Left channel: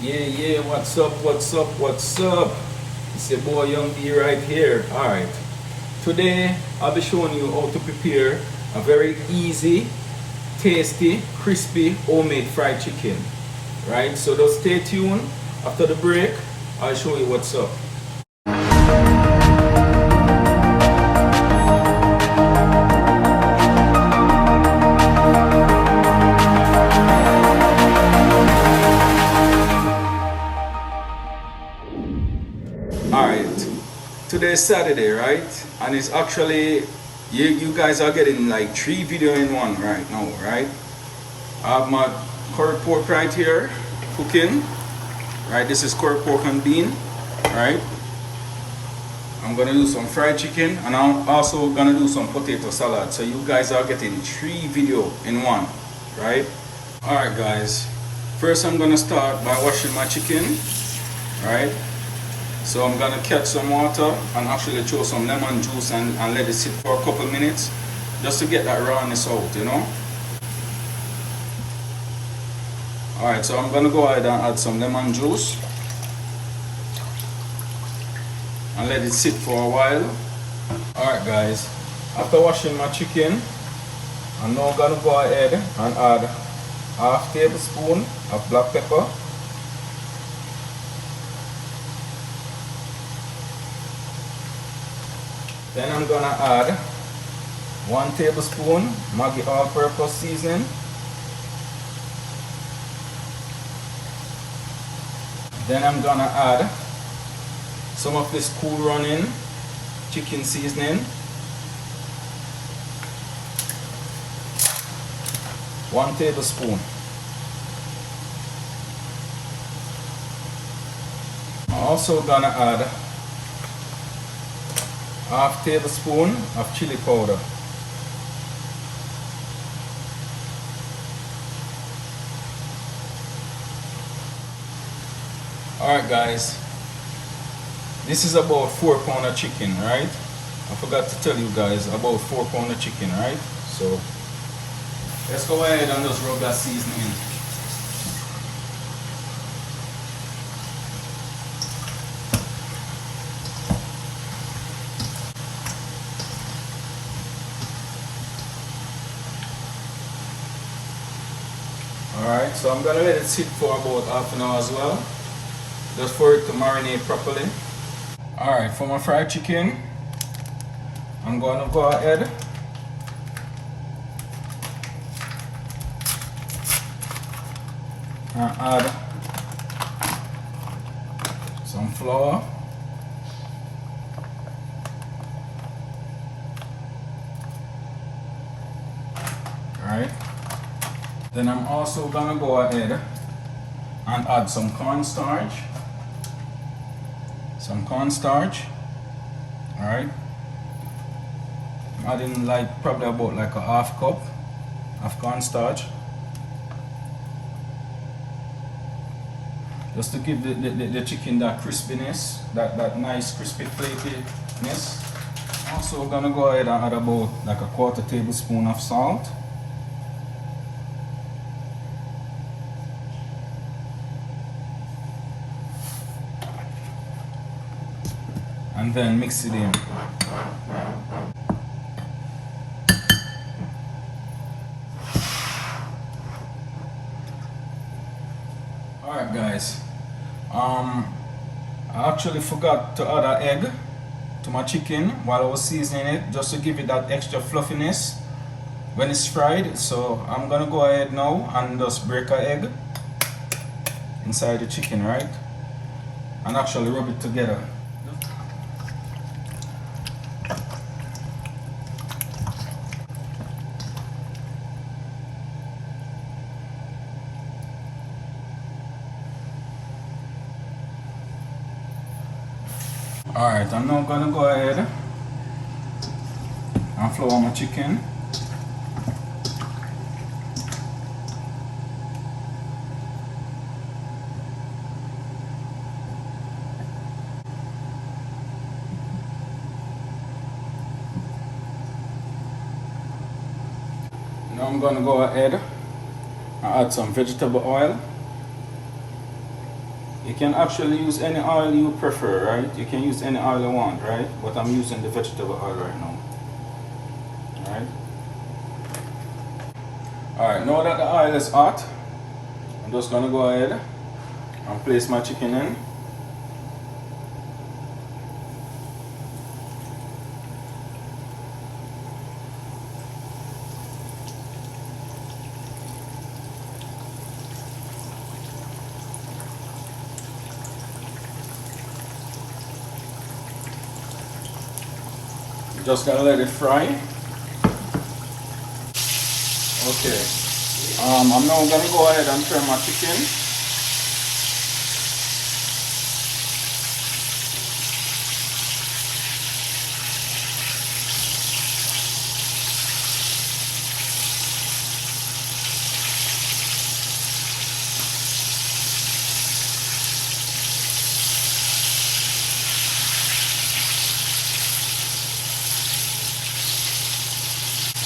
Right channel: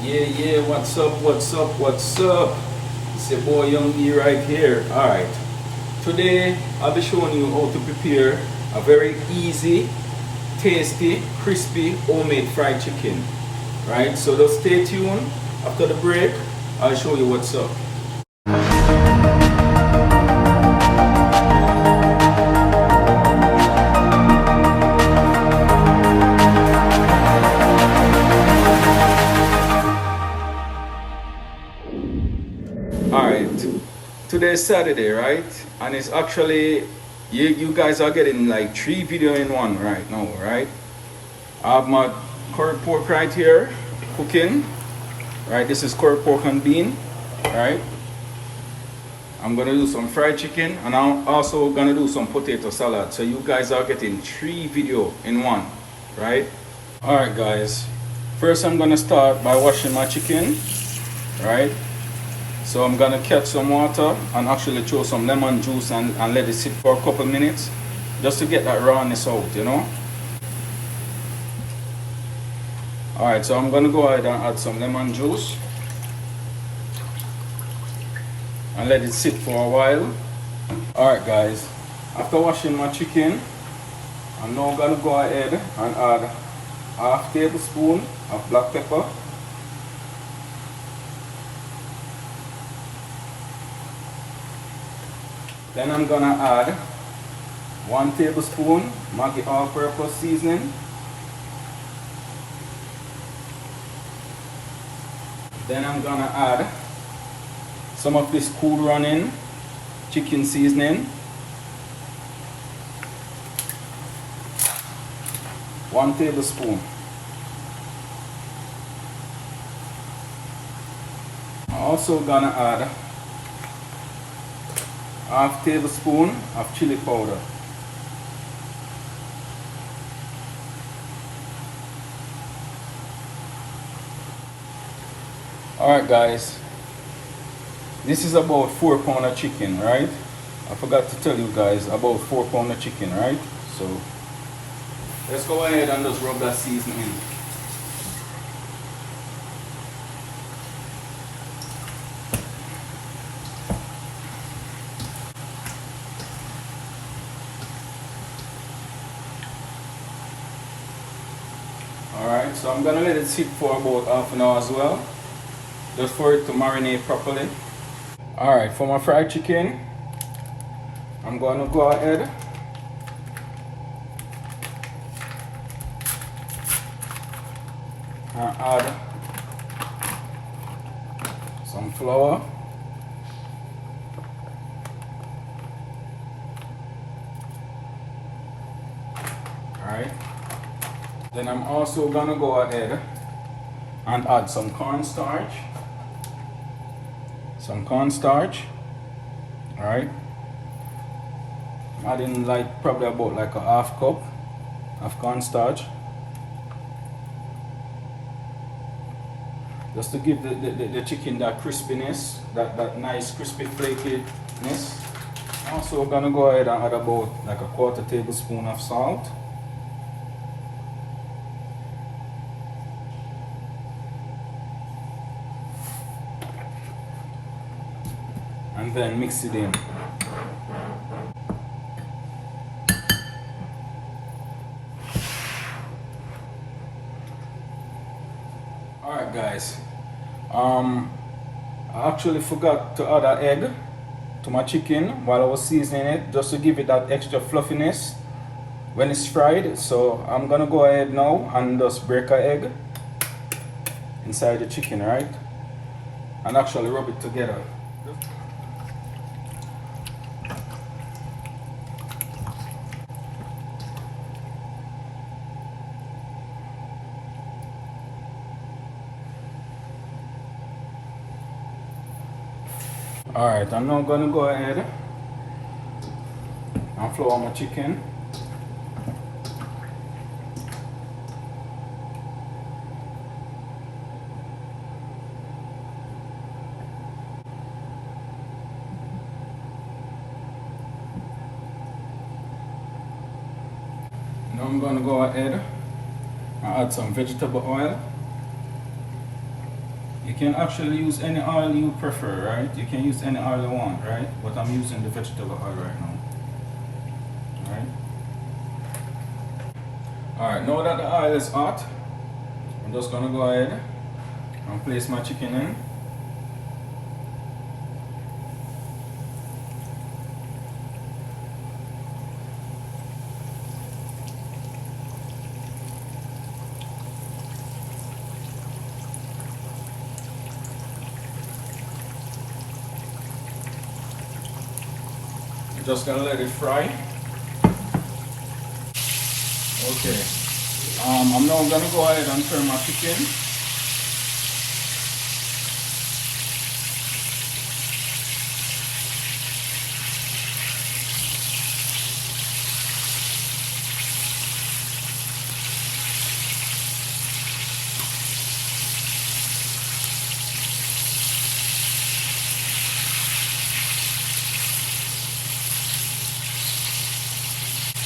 Yeah, what's up? It's your boy Young D right here. Alright, today I'll be showing you how to prepare a very easy, tasty, crispy, homemade fried chicken. Right, so just stay tuned. After the break, I'll show you what's up. Alright, today's Saturday, right? And it's actually, you guys are getting like 3 videos in one right now, right? I have my curry pork right here, cooking. Right, this is curry pork and bean, right? I'm gonna do some fried chicken and I'm also gonna do some potato salad. So you guys are getting 3 videos in one, right? Alright guys, first I'm gonna start by washing my chicken, right? So I'm gonna catch some water and actually throw some lemon juice and let it sit for a couple minutes just to get that rawness out, you know. Alright, so I'm gonna go ahead and add some lemon juice and let it sit for a while. Alright guys, after washing my chicken, I'm now gonna go ahead and add ½ tablespoon of black pepper, then I'm gonna add 1 tablespoon Maggi all-purpose seasoning, then I'm gonna add some of this cool running chicken seasoning, 1 tablespoon. I'm also gonna add ½ tablespoon of chili powder. Alright guys, this is about 4 pounds of chicken, right? I forgot to tell you guys about 4 pounds of chicken, right? So let's go ahead and just rub that seasoning in. Alright, so I'm gonna let it sit for about half an hour as well, just for it to marinate properly. Alright, for my fried chicken, I'm going to go ahead and add some flour, alright. Then I'm also going to go ahead and add some cornstarch. Alright. I'm adding like probably about like a ½ cup of cornstarch. Just to give the chicken that crispiness, that nice crispy flakiness. I'm also gonna go ahead and add about like a ¼ tablespoon of salt. And then mix it in. Alright guys, I actually forgot to add an egg to my chicken while I was seasoning it, just to give it that extra fluffiness when it's fried. So I'm gonna go ahead now and just break an egg inside the chicken, right? And actually rub it together. Alright, I'm now gonna go ahead and flour my chicken. Now I'm gonna go ahead and add some vegetable oil. You can actually use any oil you prefer, right? You can use any oil you want, right? But I'm using the vegetable oil right now. Alright. Alright, now that the oil is hot, I'm just gonna go ahead and place my chicken in. Just gonna let it fry. Okay. I'm now gonna go ahead and turn my chicken.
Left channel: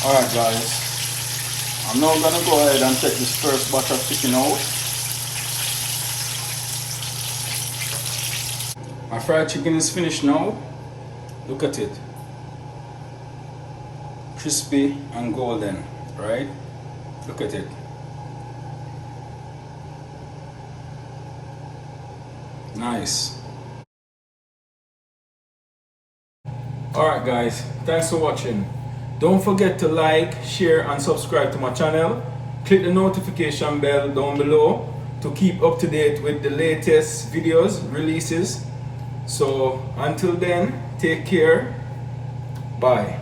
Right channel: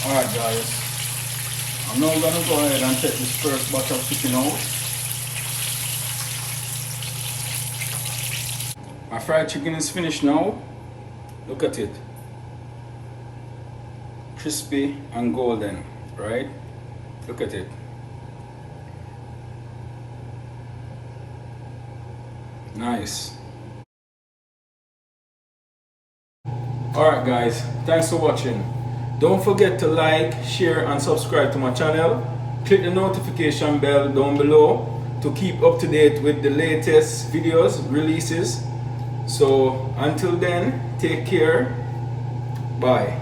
Alright guys, I'm now gonna go ahead and take this first batch of chicken out. My fried chicken is finished now. Look at it. Crispy and golden, right? Look at it. Nice. Alright guys, thanks for watching. Don't forget to like, share and subscribe to my channel. Click the notification bell down below to keep up to date with the latest videos, releases. So until then, take care. Bye.